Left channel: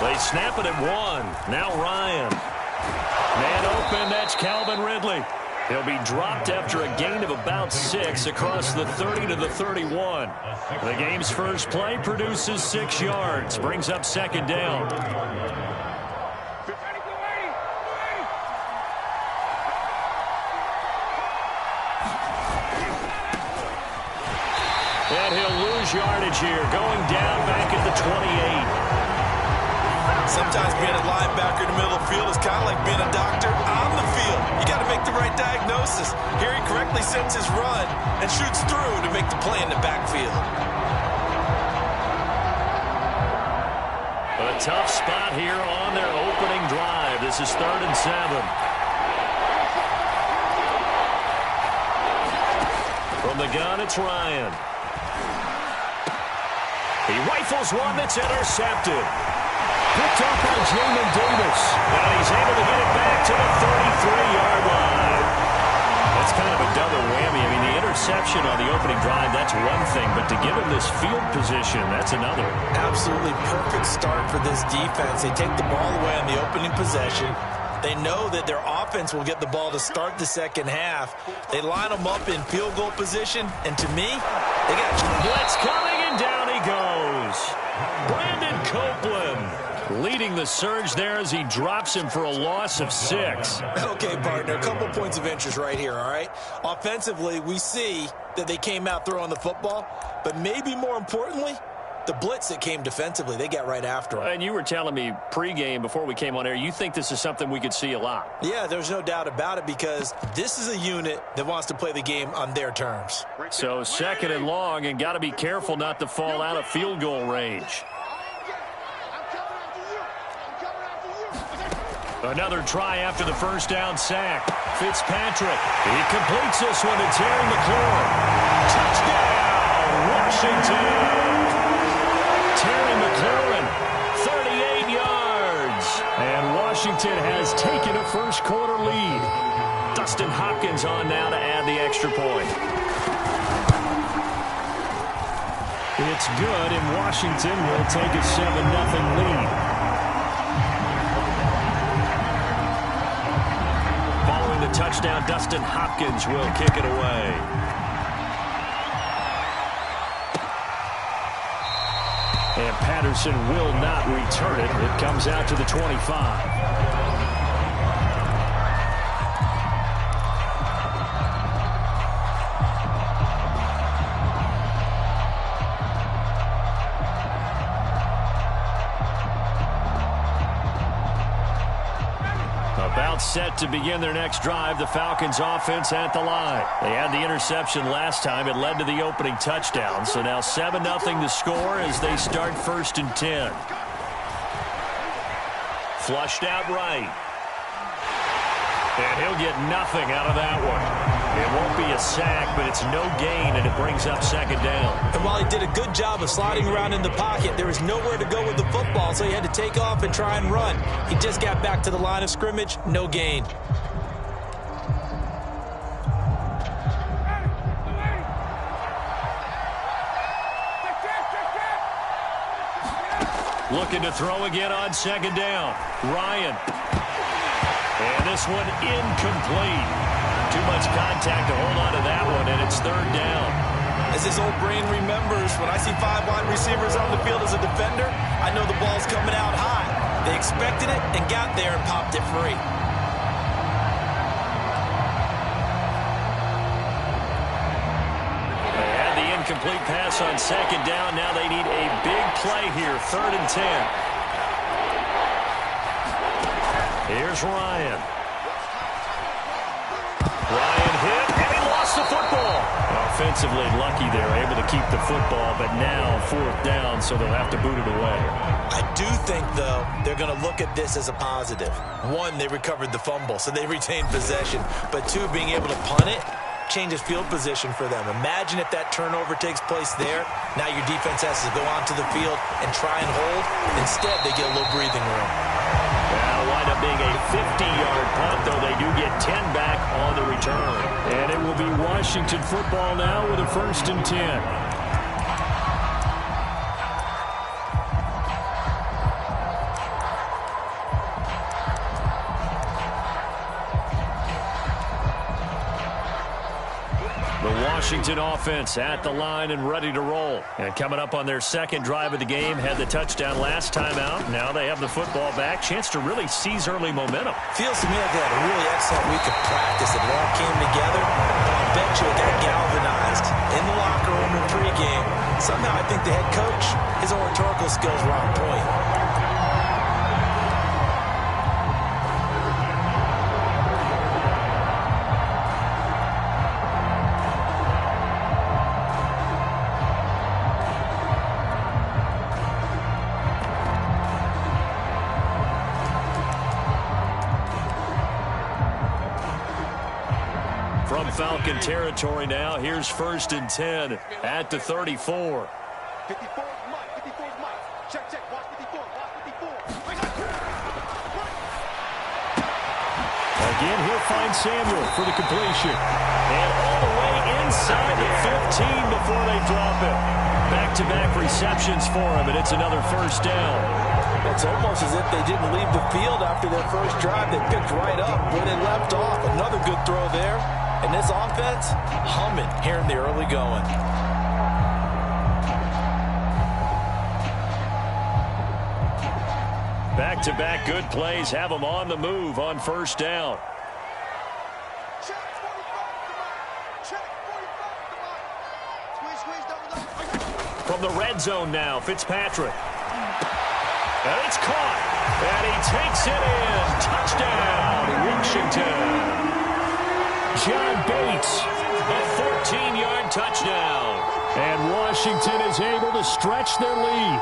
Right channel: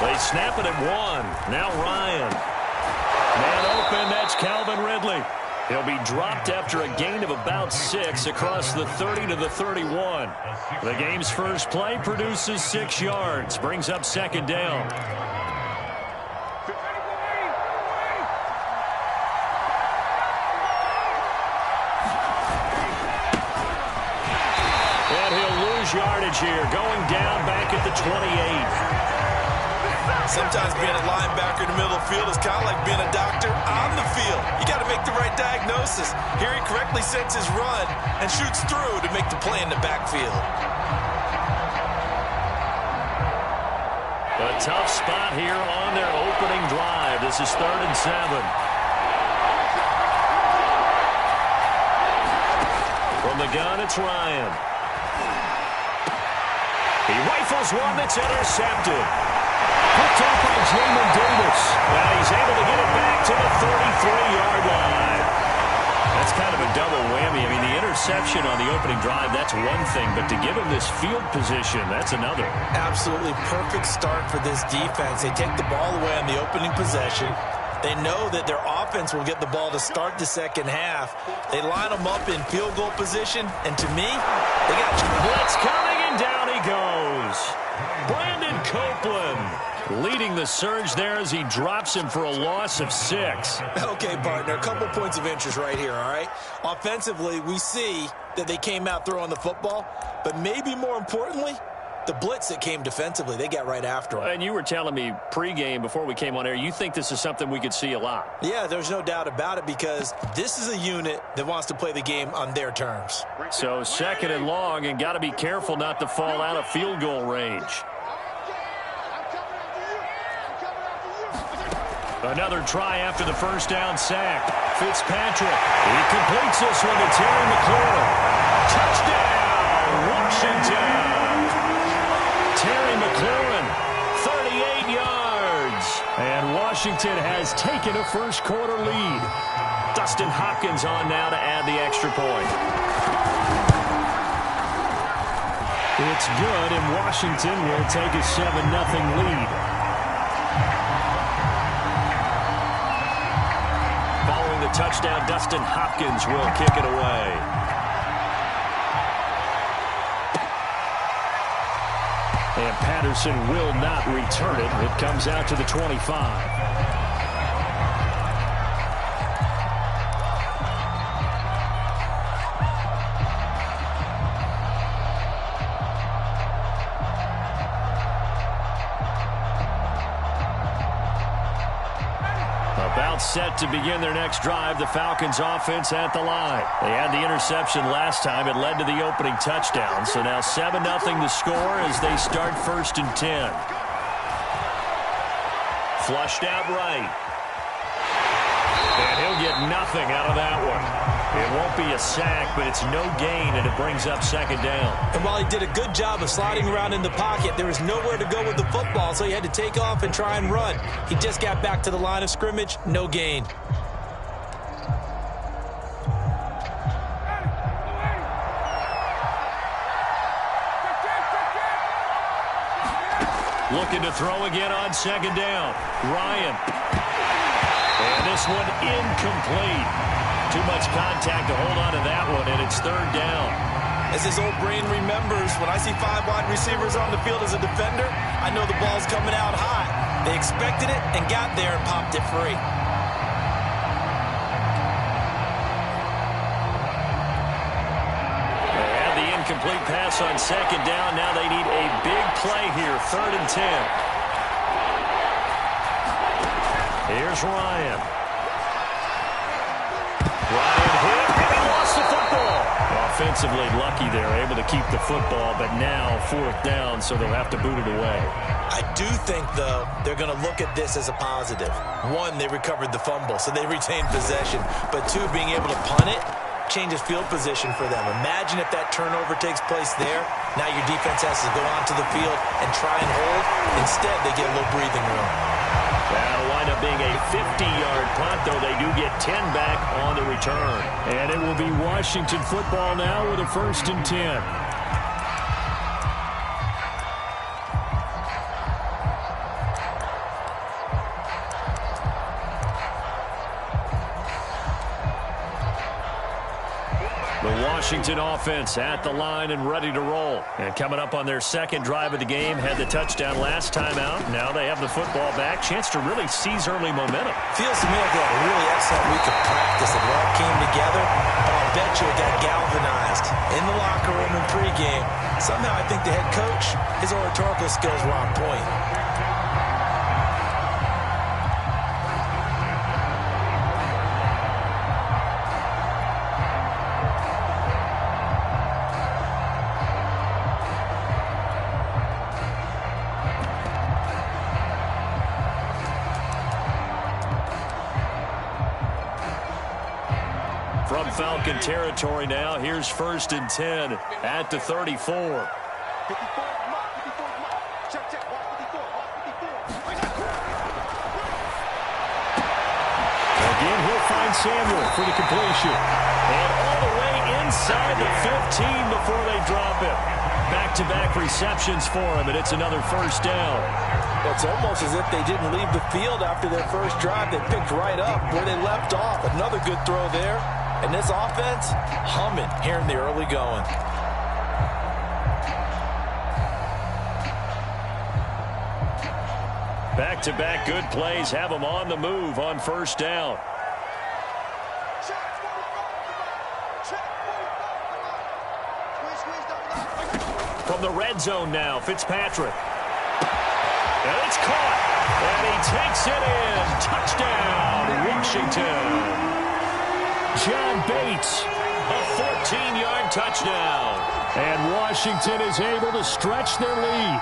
They snap it at 1. Now Ryan. Man open, that's Calvin Ridley. He'll be dropped after a gain of about 6 across the 30 to the 31. The game's first play produces 6 yards, brings up second down. And he'll lose yardage here, going down back at the 28. Sometimes being a linebacker in the middle of the field is kind of like being a doctor on the field. You got to make the right diagnosis. Here he correctly sets his run and shoots through to make the play in the backfield. A tough spot here on their opening drive. This is 3rd and 7. From the gun, it's Ryan. He rifles one that's intercepted. Picked off by Jamin Davis. And he's able to get it back to the 33-yard line. That's kind of a double whammy. I mean, the interception on the opening drive, that's one thing. But to give him this field position, that's another. Absolutely perfect start for this defense. They take the ball away on the opening possession. They know that their offense will get the ball to start the second half. They line them up in field goal position. And to me, they got blitz coming, and down he goes. Brandon Copeland leading the surge there as he drops him for a loss of 6. Okay, partner, a couple points of interest right here, all right? Offensively, we see that they came out throwing the football, but maybe more importantly, the blitz that came defensively, they got right after him. And you were telling me pregame before we came on air, you think this is something we could see a lot. Yeah, there's no doubt about it because this is a unit that wants to play the game on their terms. So 2nd and long, and got to be careful not to fall out of field goal range. Another try after the first down sack. Fitzpatrick. He completes this one to Terry McLaurin. Touchdown, Washington. Terry McLaurin, 38 yards. And Washington has taken a first quarter lead. Dustin Hopkins on now to add the extra point. It's good, and Washington will take a 7-0 lead. Following the touchdown, Dustin Hopkins will kick it away. And Patterson will not return it. It comes out to the 25. About set to begin their next drive, the Falcons offense at the line. They had the interception last time. It led to the opening touchdown. So now 7-0 the score as they start 1st and 10. Flushed out right. And he'll get nothing out of that one. It won't be a sack, but it's no gain, and it brings up 2nd down. And while he did a good job of sliding around in the pocket, there was nowhere to go with the football, so he had to take off and try and run. He just got back to the line of scrimmage, no gain. Looking to throw again on 2nd down. Ryan. And this one incomplete. Too much contact to hold on to that one, and it's 3rd down. As his old brain remembers, when I see 5 wide receivers on the field as a defender, I know the ball's coming out high. They expected it and got there and popped it free. They had the incomplete pass on 2nd down. Now they need a big play here, 3rd and 10. Here's Ryan. Ryan hit, and he lost the football. Offensively lucky they're able to keep the football, but now 4th down, so they'll have to boot it away. I do think, though, they're going to look at this as a positive. 1, they recovered the fumble, so they retained possession. But 2, being able to punt it changes field position for them. Imagine if that turnover takes place there. Now your defense has to go onto the field and try and hold. Instead, they get a little breathing room. That'll wind up being a 50-yard punt, though they do get 10 back on the return. And it will be Washington football now with a 1st and 10. Washington offense at the line and ready to roll. And coming up on their second drive of the game, had the touchdown last time out. Now they have the football back. Chance to really seize early momentum. Feels to me like they had a really excellent week of practice. It all came together, but I'll bet you it got galvanized in the locker room and pregame. Somehow I think the head coach, his oratorical skills were on point. From Falcon territory now, here's 1st and 10 at the 34. 54 Mike. Check. Watch 54. Again, he'll find Samuel for the completion. And all the way inside the 15 before they drop him. Back-to-back receptions for him, and it's another 1st down. Well, it's almost as if they didn't leave the field after their first drive. They picked right up where they left off. Another good throw there. And this offense, humming here in the early going. Back-to-back good plays have them on the move on 1st down. From the red zone now, Fitzpatrick. And it's caught. And he takes it in. Touchdown, Washington. John Bates, a 14-yard touchdown. And Washington is able to stretch their lead.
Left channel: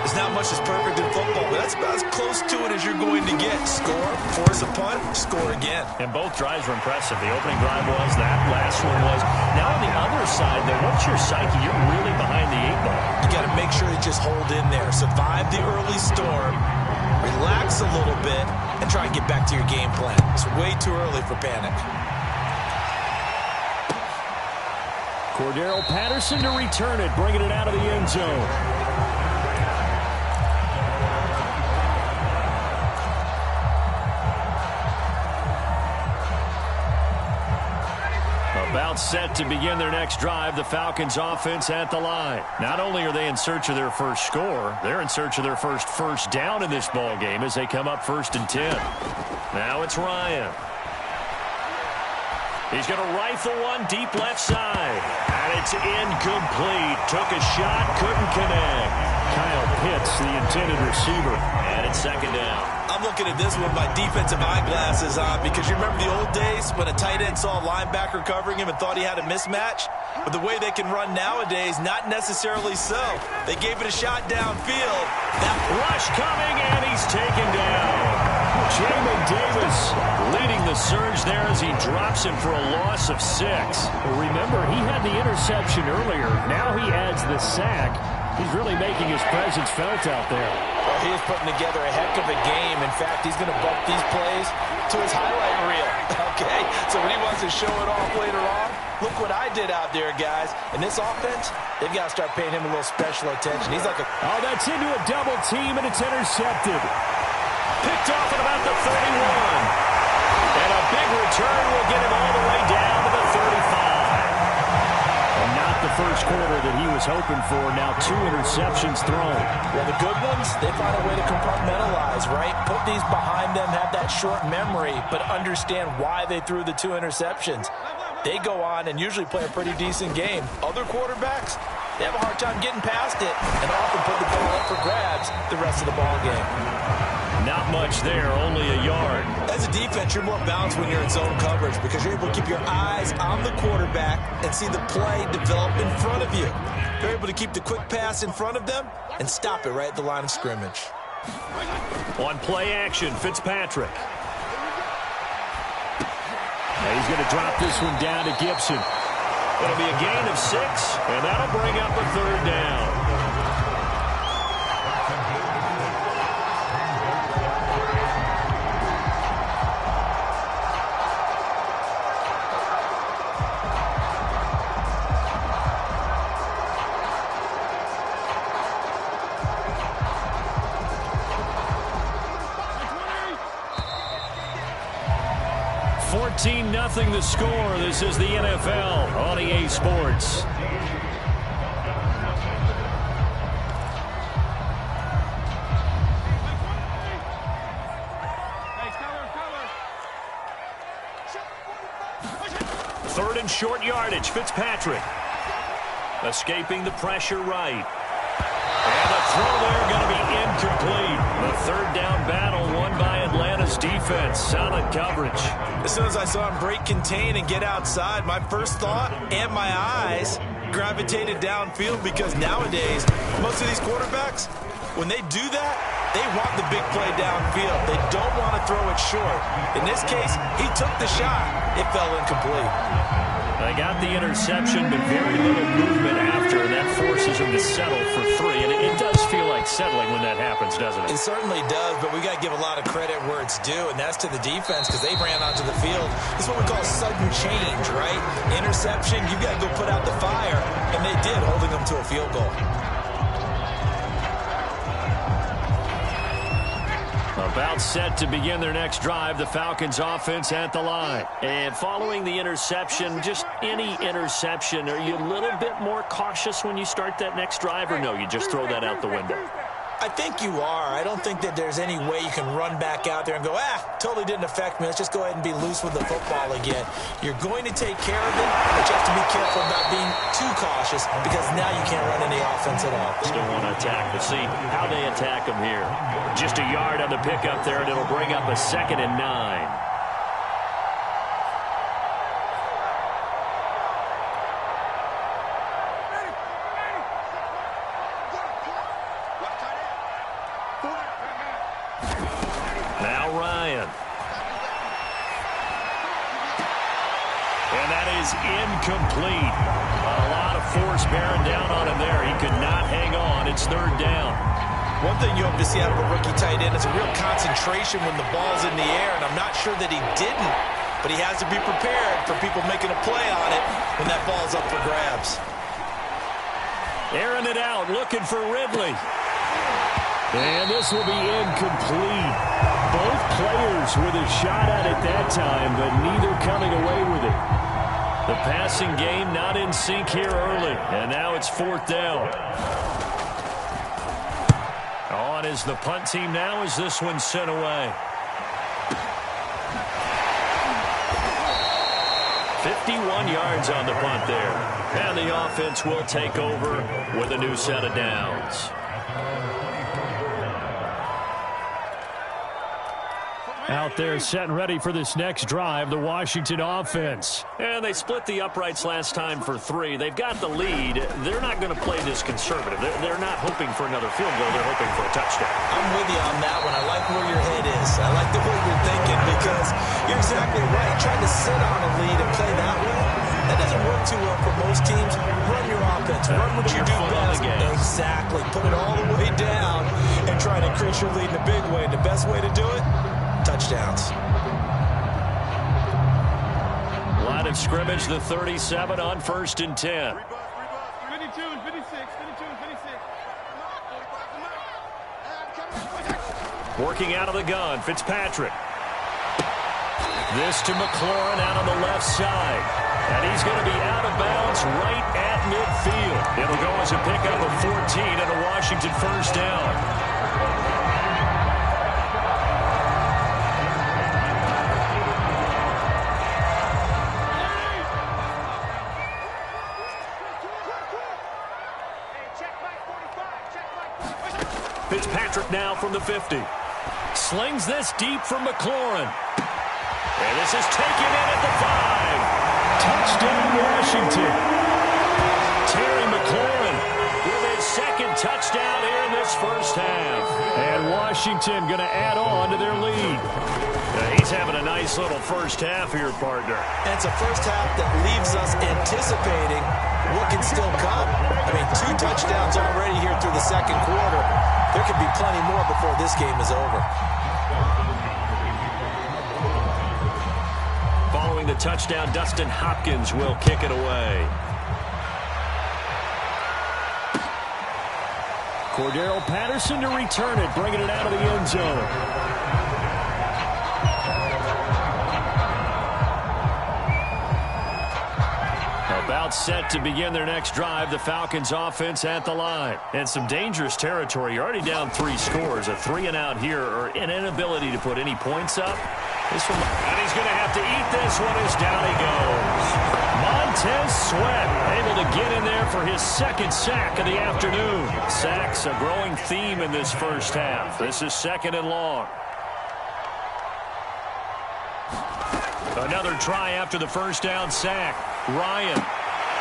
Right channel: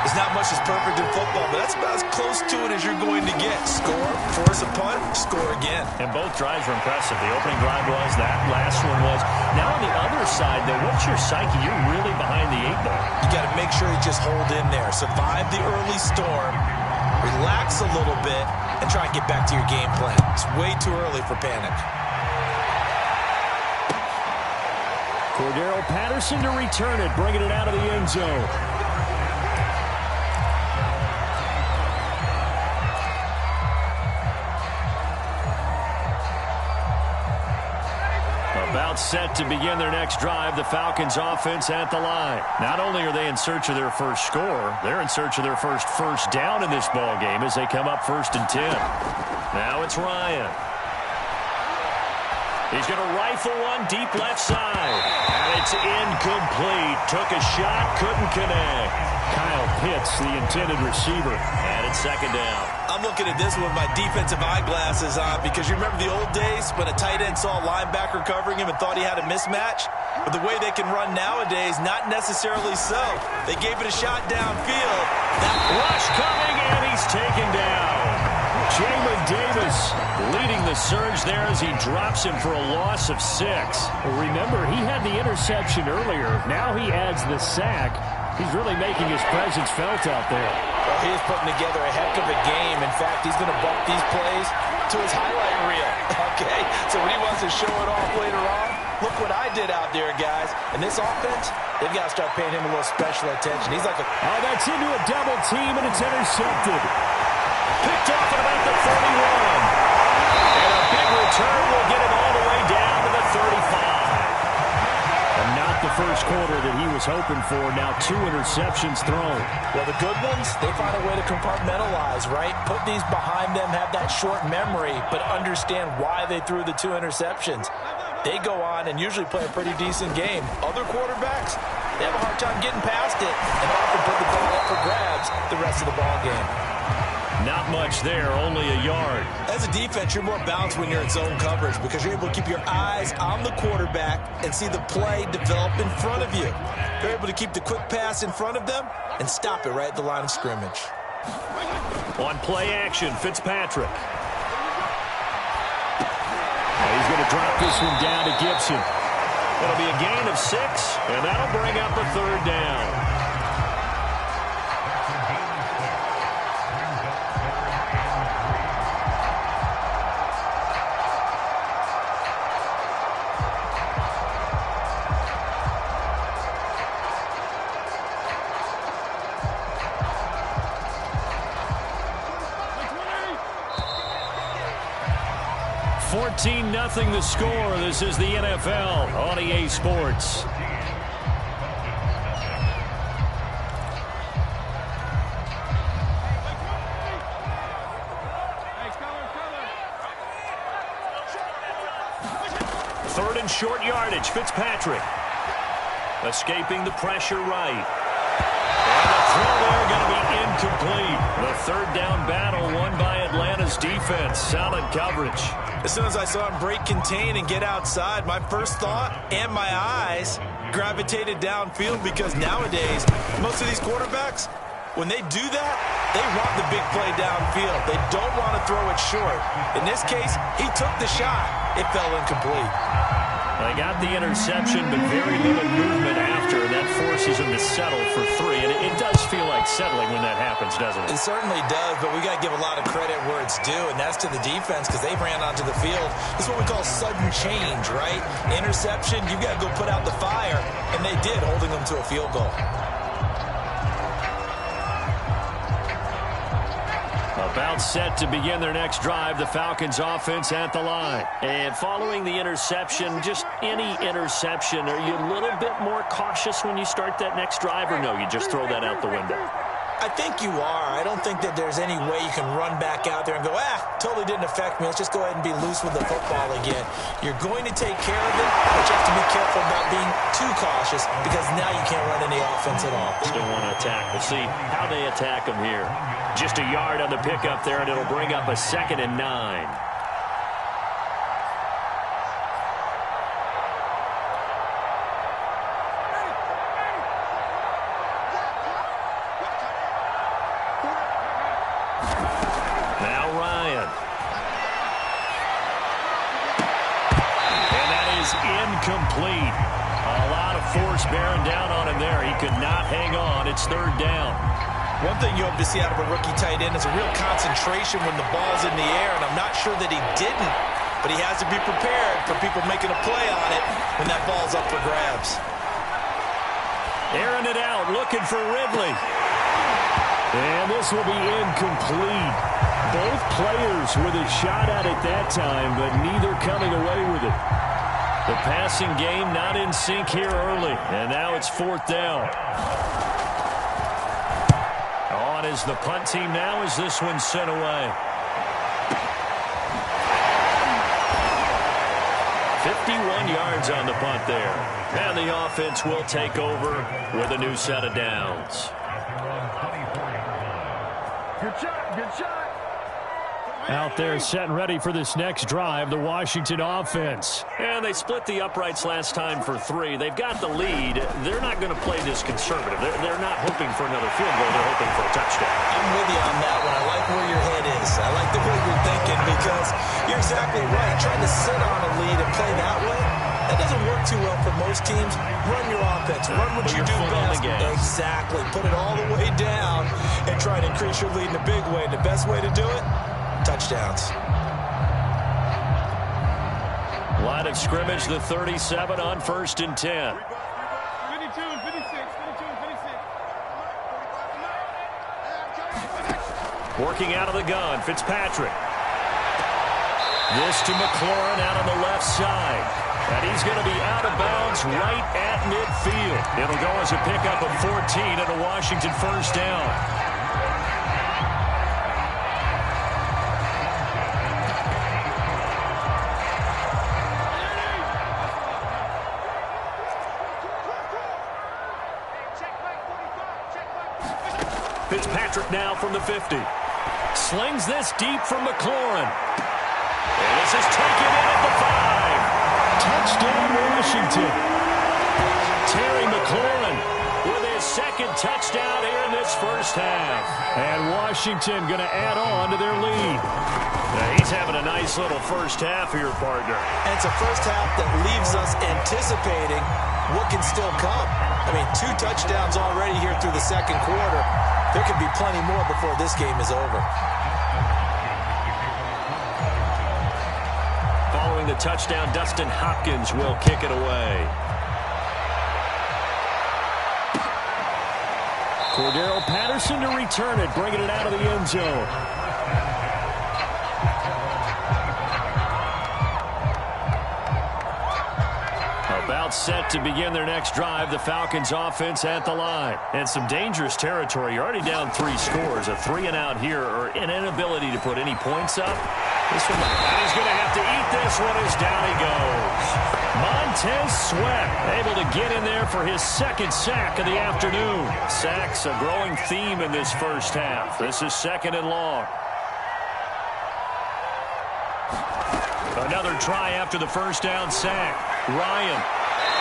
There's not much that's perfect in football, but that's about as close to it as you're going to get. Score, force a punt, score again. And both drives were impressive. The opening drive was, that last one was. Now on the other side, though, what's your psyche? You're really behind the 8-ball. You got to make sure you just hold in there. Survive the early storm, relax a little bit, and try and get back to your game plan. It's way too early for panic. Cordero Patterson to return it, bringing it out of the end zone. About set to begin their next drive, the Falcons offense at the line. Not only are they in search of their first score, they're in search of their first down in this ball game as they come up 1st and 10. Now it's Ryan. He's going to rifle one deep left side. And it's incomplete. Took a shot, couldn't connect. Kyle Pitts, the intended receiver. And it's 2nd down. I'm looking at this with my defensive eyeglasses on because you remember the old days when a tight end saw a linebacker covering him and thought he had a mismatch? But the way they can run nowadays, not necessarily so. They gave it a shot downfield. That rush coming, and he's taken down. Jamin Davis leading the surge there as he drops him for a loss of 6. Well, remember, he had the interception earlier. Now he adds the sack. He's really making his presence felt out there. Well, he is putting together a heck of a game. In fact, he's going to bump these plays to his highlight reel. Okay, so when he wants to show it off later on, look what I did out there, guys. And this offense, they've got to start paying him a little special attention. He's like a... Oh, that's into a double team, and it's intercepted. Picked off at about the 31. And a big return will get him all the way down to the 35. And not the first quarter that he was hoping for. Now 2 interceptions thrown. Well, the good ones, they find a way to compartmentalize, right? Put these behind them, have that short memory, but understand why they threw the 2 interceptions. They go on and usually play a pretty decent game. Other quarterbacks, they have a hard time getting past it and often put the ball up for grabs the rest of the ball game. Not much there, only a yard. As a defense, you're more balanced when you're in zone coverage because you're able to keep your eyes on the quarterback and see the play develop in front of you. You're able to keep the quick pass in front of them and stop it right at the line of scrimmage. On play action, Fitzpatrick. He's going to drop this one down to Gibson. It'll be a gain of 6, and that'll bring up a 3rd down. 14-0 the score. This is the NFL on EA Sports. Third and short yardage. Fitzpatrick escaping the pressure right. And the throw there going to be incomplete. The third down battle won by Atlanta's defense. Solid coverage. As soon as I saw him break contain and get outside, my first thought and my eyes gravitated downfield, because nowadays, most of these quarterbacks, when they do that, they want the big play downfield. They don't want to throw it short. In this case, he took the shot. It fell incomplete. They got the interception, but very little movement after, and that forces him to settle for 3. And it does feel like settling when that happens, doesn't it? It certainly does, but we got to give a lot of credit where it's due, and that's to the defense, because they ran onto the field. This is what we call sudden change, right? Interception, you've got to go put out the fire, and they did, holding them to a field goal. About set to begin their next drive, the Falcons offense at the line. And following the interception, just any interception, are you a little bit more cautious when you start that next drive, or no, you just throw that out the window? I think you are. I don't think that there's any way you can run back out there and go, totally didn't affect me. Let's just go ahead and be loose with the football again. You're going to take care of it, but you have to be careful about being too cautious, because now you can't run any offense at all. Still want to attack. We'll see how they attack them here. Just a yard on the pickup there, and it'll bring up a 2nd and 9. Now Ryan. And that is incomplete. A lot of force bearing down on him there. He could not hang on. It's 3rd down. One thing you hope to see out of a rookie tight end is a real concentration when the ball's in the air, and I'm not sure that he didn't, but he has to be prepared for people making a play on it when that ball's up for grabs. Airing it out, looking for Ridley. And this will be incomplete. Both players with a shot at it that time, but neither coming away with it. The passing game not in sync here early, and now it's 4th down. On is the punt team now as this one's sent away. 51 yards on the punt there. And the offense will take over with a new set of downs. Out there set and ready for this next drive, the Washington offense. And they split the uprights last time for 3. They've got the lead. They're not going to play this conservative. They're not hoping for another field goal. They're hoping for a touchdown. I'm with you on that one. I like where your head is. I like the way you're thinking, because you're exactly right. Trying to sit on a lead and play that way, that doesn't work too well for most teams. Run your offense. Run what you do best. Exactly. Put it all the way down and try to increase your lead in a big way. And the best way to do it, touchdowns. Line of scrimmage, the 37 on 1st and 10. 52 and 56. 52 and 56. Working out of the gun, Fitzpatrick. This to McLaurin out on the left side. And he's going to be out of bounds right at midfield. It'll go as a pickup of 14 and a Washington 1st down. Fitzpatrick now from the 50. Slings this deep from McLaurin. And this is taken in at the 5. Touchdown, Washington. Terry McLaurin with his 2nd touchdown here in this first half. And Washington going to add on to their lead. He's having a nice little first half here, partner. And it's a first half that leaves us anticipating what can still come. I mean, 2 touchdowns already here through the 2nd quarter. There could be plenty more before this game is over. Following the touchdown, Dustin Hopkins will kick it away. Cordero Patterson to return it, bringing it out of the end zone. set to begin their next drive. The Falcons offense at the line. And some dangerous territory. You're already down 3 scores. A 3-and-out here or an inability to put any points up. This one, and he's going to have to eat this one as down he goes. Montez Sweat able to get in there for his 2nd sack of the afternoon. Sacks a growing theme in this first half. This is 2nd and long. Another try after the first down sack. Ryan.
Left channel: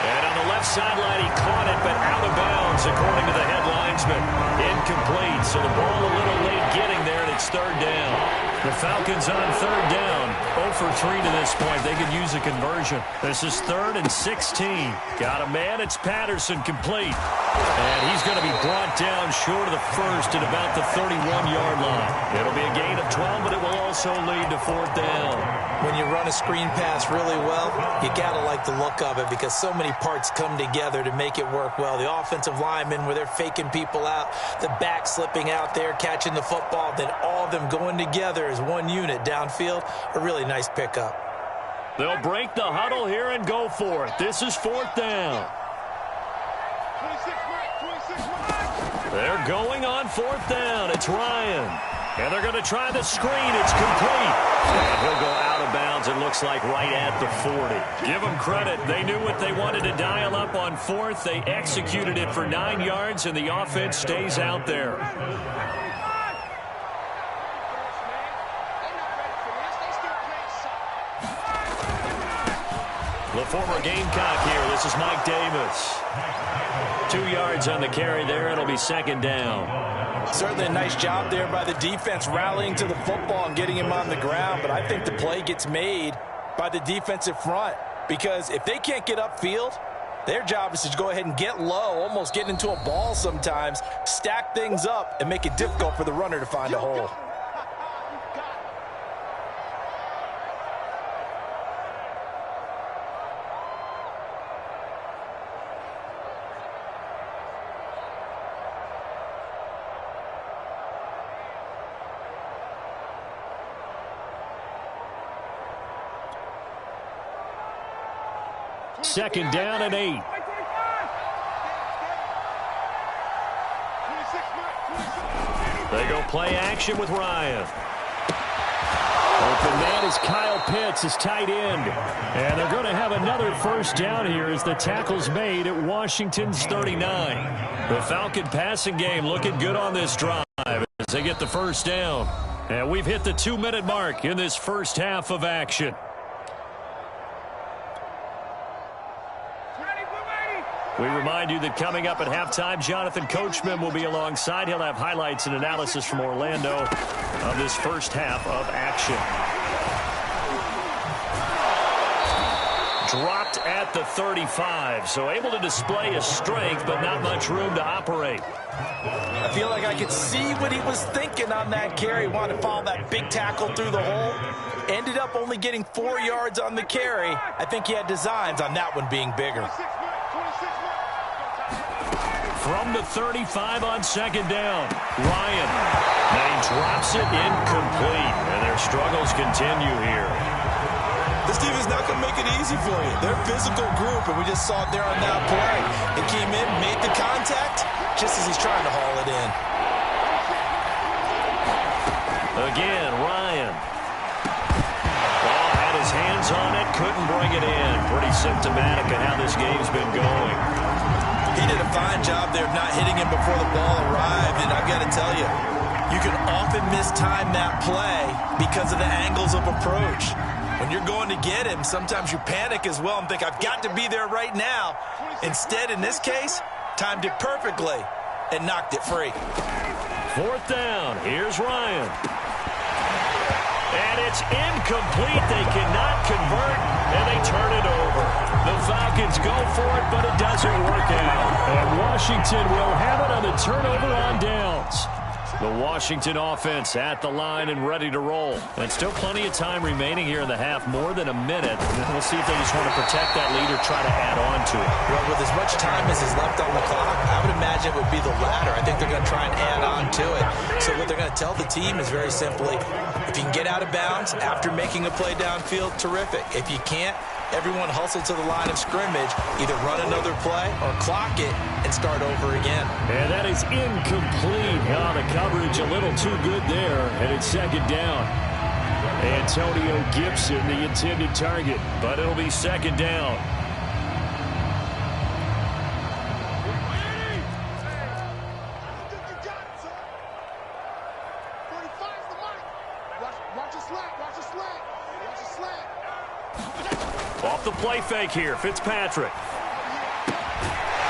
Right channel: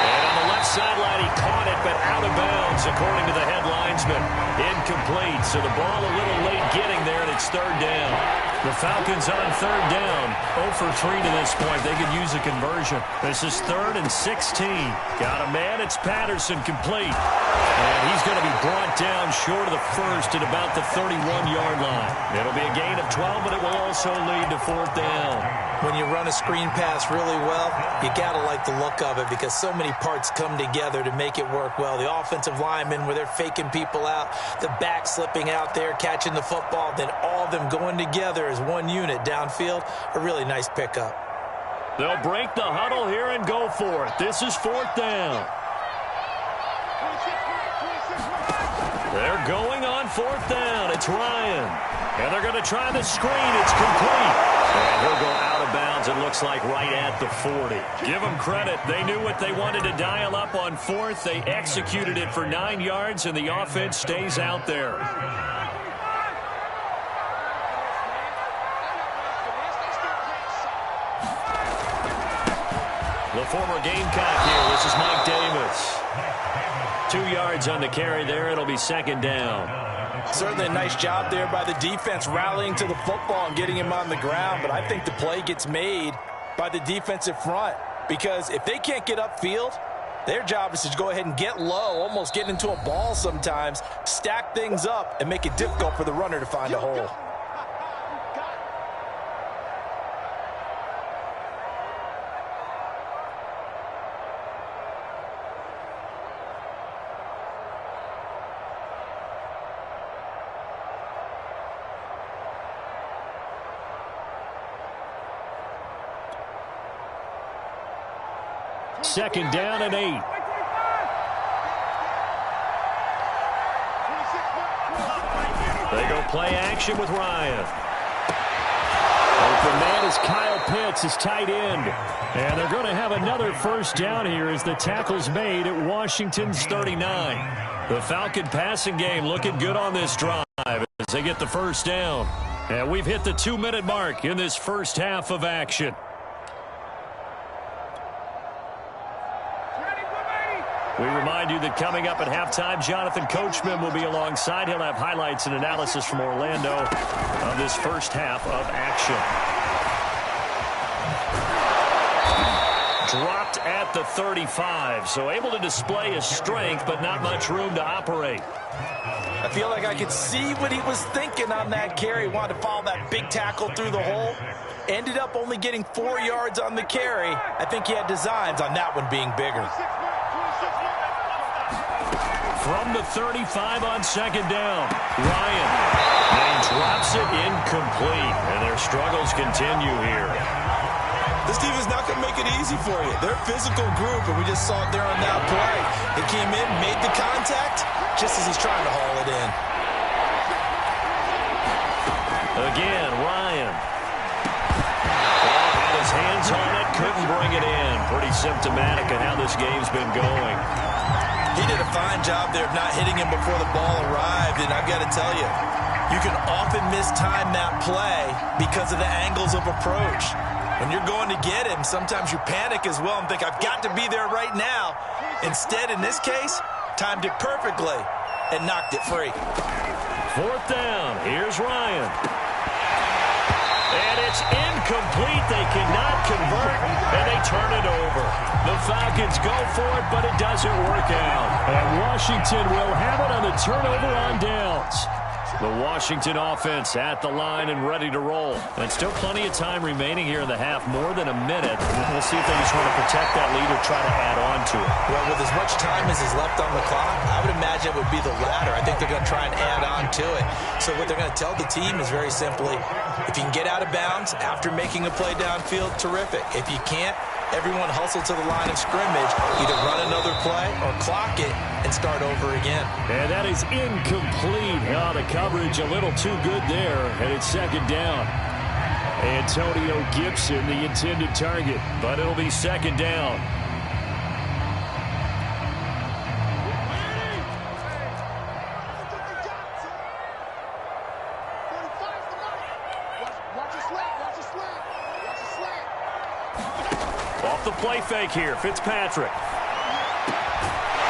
And on the left sideline, he caught it, but out of bounds, according to the head linesman. Incomplete, so the ball a little late getting there, and it's 3rd down. The Falcons on 3rd down. 0 for 3 to this point. They could use a conversion. This is 3rd and 16. Got a man. It's Patterson complete. And he's going to be brought down short of the first at about the 31-yard line. It'll be a gain of 12, but it will also lead to 4th down. When you run a screen pass really well, you got to like the look of it because so many parts come together to make it work well. The offensive linemen, where they're faking people out, the back slipping out there, catching the football, then all of them going together as one unit downfield. A really nice pickup. They'll break the huddle here and go for it. This is 4th down. 26. They're going on 4th down. It's Ryan. And they're going to try the screen. It's complete. And he'll go out of bounds, it looks like, right at the 40. Give them credit. They knew what they wanted to dial up on 4th. They executed it for 9 yards, and the offense stays out there. The former Gamecock here. This is Mike Davis. 2 yards on the carry there. It'll be 2nd down. Certainly a nice job there by the defense rallying to the football and getting him on the ground, but I think the play gets made by the defensive front because if they can't get upfield, their job is to go ahead and get low, almost get into a ball sometimes, stack things up, and make it difficult for the runner to find a hole. Second down and 8. They go play action with Ryan. Open man is Kyle Pitts, his tight end. And they're going to have another first down here as the tackle's made at Washington's 39. The Falcon passing game looking good on this drive as they get the first down. And we've hit the 2-minute mark in this first half of action. We remind you that coming up at halftime, Jonathan Coachman will be alongside. He'll have highlights and analysis from Orlando of this first half of action. Dropped at the 35, so able to display his strength, but not much room to operate. I feel like I could see what he was thinking on that carry. Wanted to follow that big tackle through the hole. Ended up only getting 4 yards on the carry. I think he had designs on that one being bigger. From the 35 on second down, Ryan. And he drops it incomplete, and their struggles continue here. This defense is not going to make it easy for you. They're a physical group, and we just saw it there on that play. He came in, made the contact, just as he's trying to haul it in. Again, Ryan. Ball had his hands on it, couldn't bring it in. Pretty symptomatic of how this game's been going. He did a fine job there of not hitting him before the ball arrived, and I've got to tell you, you can often mistime that play because of the angles of approach. When you're going to get him, sometimes you panic as well and think, I've got to be there right now. Instead, in this case, timed it perfectly and knocked it free. Fourth down. Here's Ryan. And it's incomplete. They cannot convert, and they turn it over. The Falcons go for it, but it doesn't work out. And Washington will have it on the turnover on downs. The Washington offense at the line and ready to roll. And still plenty of time remaining here in the half, more than a minute. We'll see if they just want to protect that lead or try to add on to it. Well, with as much time as is left on the clock, I would imagine it would be the latter. I think they're going to try and add on to it. So what they're going to tell the team is very simply, if you can get out of bounds after making a play downfield, terrific. If you can't, Everyone hustle to the line of scrimmage, either run another play or clock it and start over again. And that is incomplete. Oh, the coverage a little too good there, and it's second down. Antonio Gibson, the intended target, but it'll be second down. Off the play fake here, Fitzpatrick.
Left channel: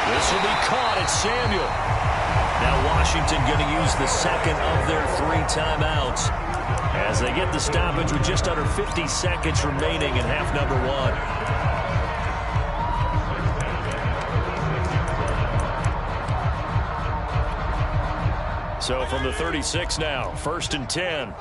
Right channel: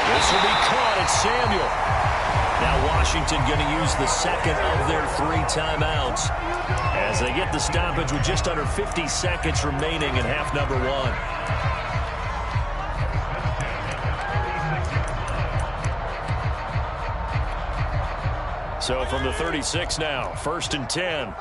This will be caught at Samuel. Now Washington going to use the second of their 3 timeouts as they get the stoppage with just under 50 seconds remaining in half number 1. So from the 36 now, 1st and 10.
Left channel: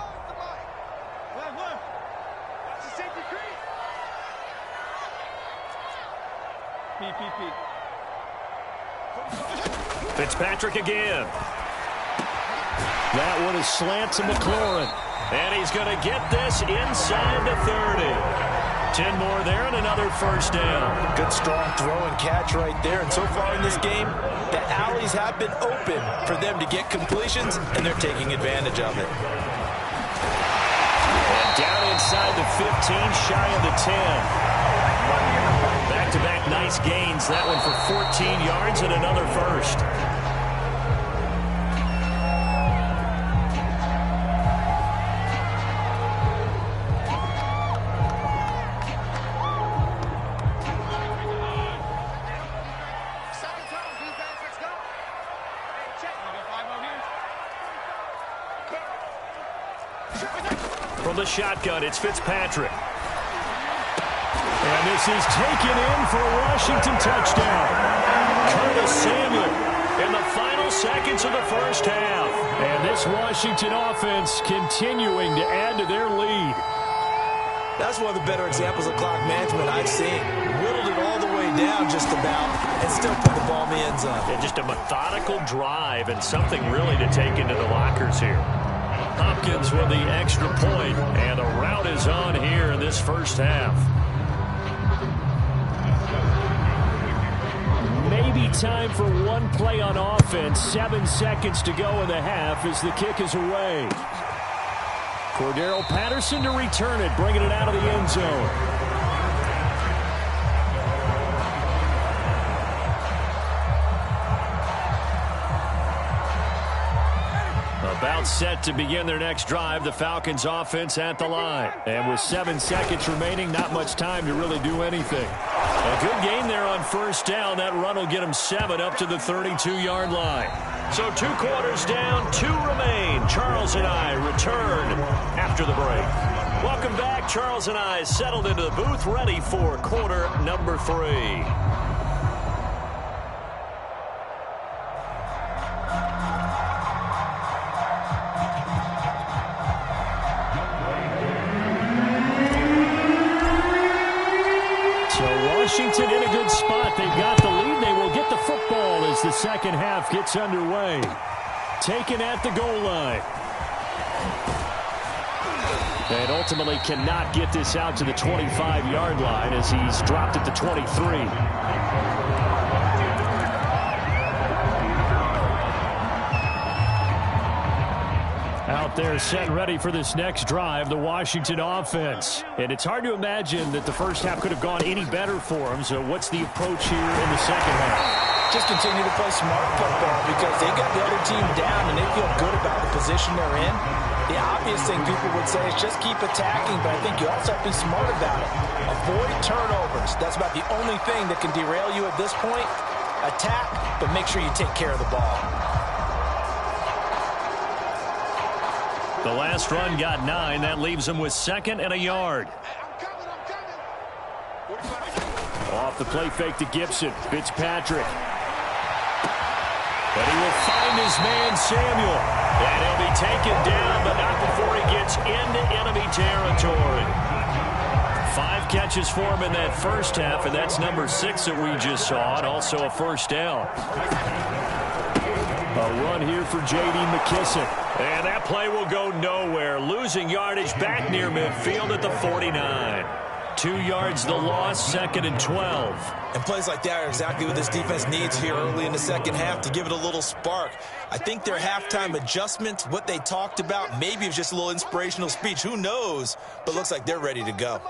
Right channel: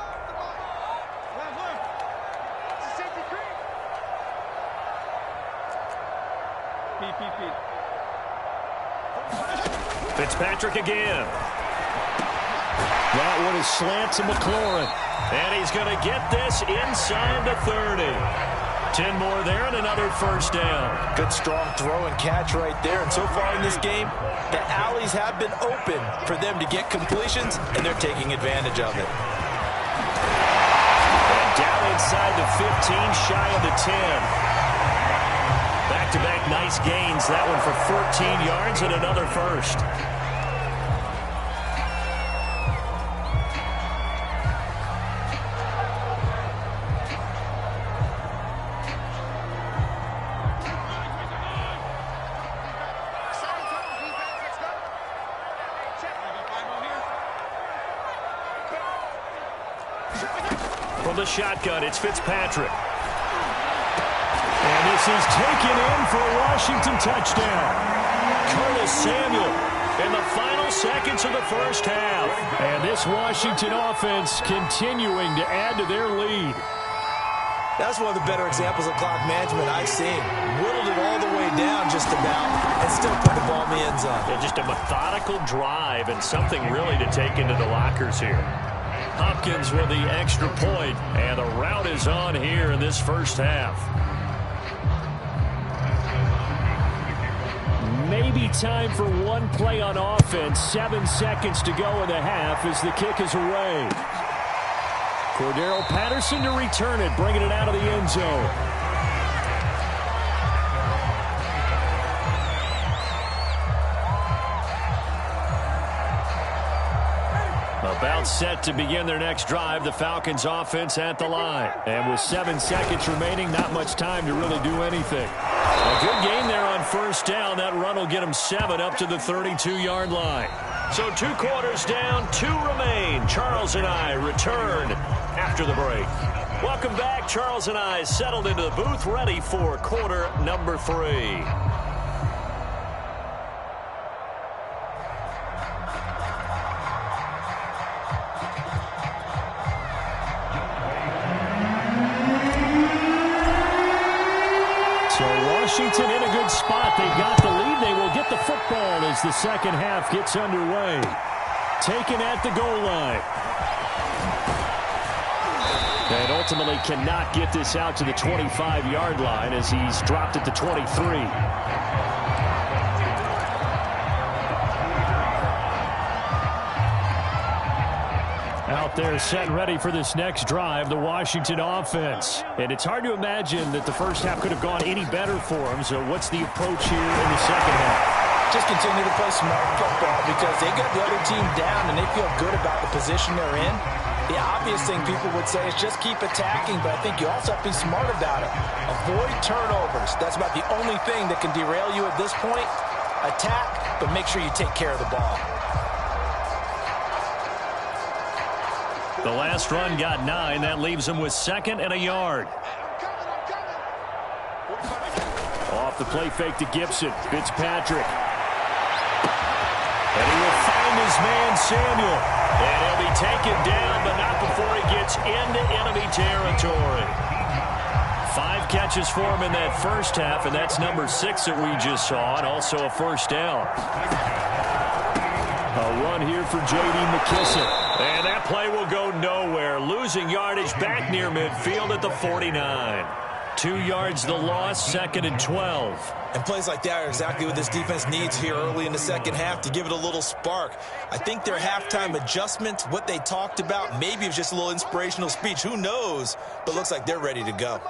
Fitzpatrick again. That one is slant to McLaurin. And he's going to get this inside the 30. 10 more there and another first down. Good strong throw and catch right there. And so far in this game, the alleys have been open for them to get completions, and they're taking advantage of it. And down inside the 15, shy of the 10. Back-to-back nice gains. That one for 14 yards and another first. From the shotgun, it's Fitzpatrick. And this is taken in for a Washington touchdown. Curtis Samuel in the final seconds of the first half. And this Washington offense continuing to add to their lead. That's one of the better examples of clock management I've seen. Whittled it all the way down just about and still put the ball in the end zone. Yeah, just a methodical drive and something really to take into the lockers here. Hopkins with the extra point, and the route is on here in this first half. Maybe time for one play on offense. 7 seconds to go in the half as the kick is away. Cordero Patterson to return it, bringing it out of the end zone. About set to begin their next drive, the Falcons offense at the line. And with 7 seconds remaining, not much time to really do anything. A good gain there on first down. That run will get them 7 up to the 32-yard line. So 2 quarters down, 2 remain. Charles and I return after the break. Welcome back. Charles and I settled into the booth, ready for quarter number 3. Washington in a good spot. They've got the lead. They will get the football as the second half gets underway. Taken at the goal line. And ultimately cannot get this out to the 25-yard line as he's dropped at the 23. Out there set and ready for this next drive, the Washington offense. And it's hard to imagine that the first half could have gone any better for them. So what's the approach here in the second half? Just continue to play smart football because they got the other team down and they feel good about the position they're in. The obvious thing people would say is just keep attacking, but I think you also have to be smart about it. Avoid turnovers. That's about the only thing that can derail you at this point. Attack, but make sure you take care of the ball. The last run got 9. That leaves him with 2nd and a yard. Off the play fake to Gibson. Fitzpatrick. And he will find his man Samuel. And he'll be taken down, but not before he gets into enemy territory. 5 catches for him in that first half, and that's number 6 that we just saw, and also a first down. A run here for J.D. McKissick. And that play will go nowhere. Losing yardage back near midfield at the 49. 2 yards the loss, 2nd and 12. And plays like that are exactly what this defense needs here early in the second half to give it a little spark. I think their halftime adjustments, what they talked about, maybe it was just a little inspirational speech. Who knows? But looks like they're ready to go.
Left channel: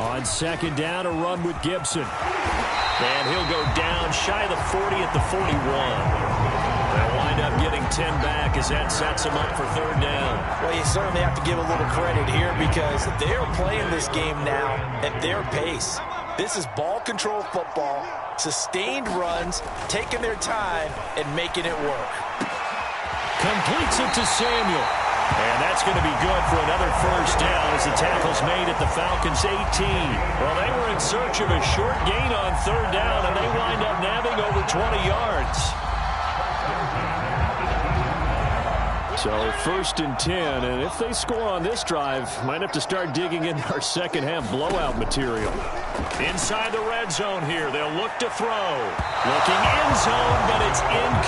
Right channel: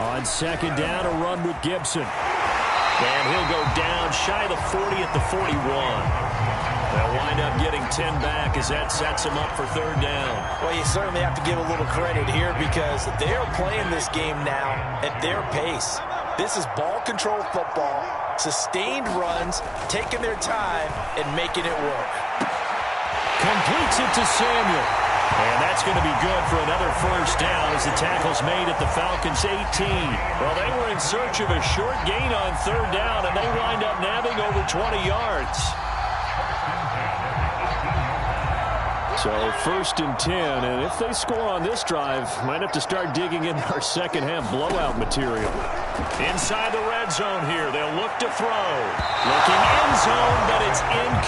On 2nd down, a run with Gibson. And he'll go down shy of the 40 at the 41. They'll wind up getting 10 back as that sets them up for 3rd down. Well, you certainly have to give a little credit here because they're playing this game now at their pace. This is ball control football, sustained runs, taking their time, and making it work. Completes it to Samuel. And that's going to be good for another 1st down as the tackle's made at the Falcons' 18. Well, they were in search of a short gain on 3rd down, and they wind up nabbing over 20 yards. So 1st and 10, and if they score on this drive, might have to start digging in our second half blowout material. Inside the red zone here, they'll look to throw. Looking end zone, but it's incomplete.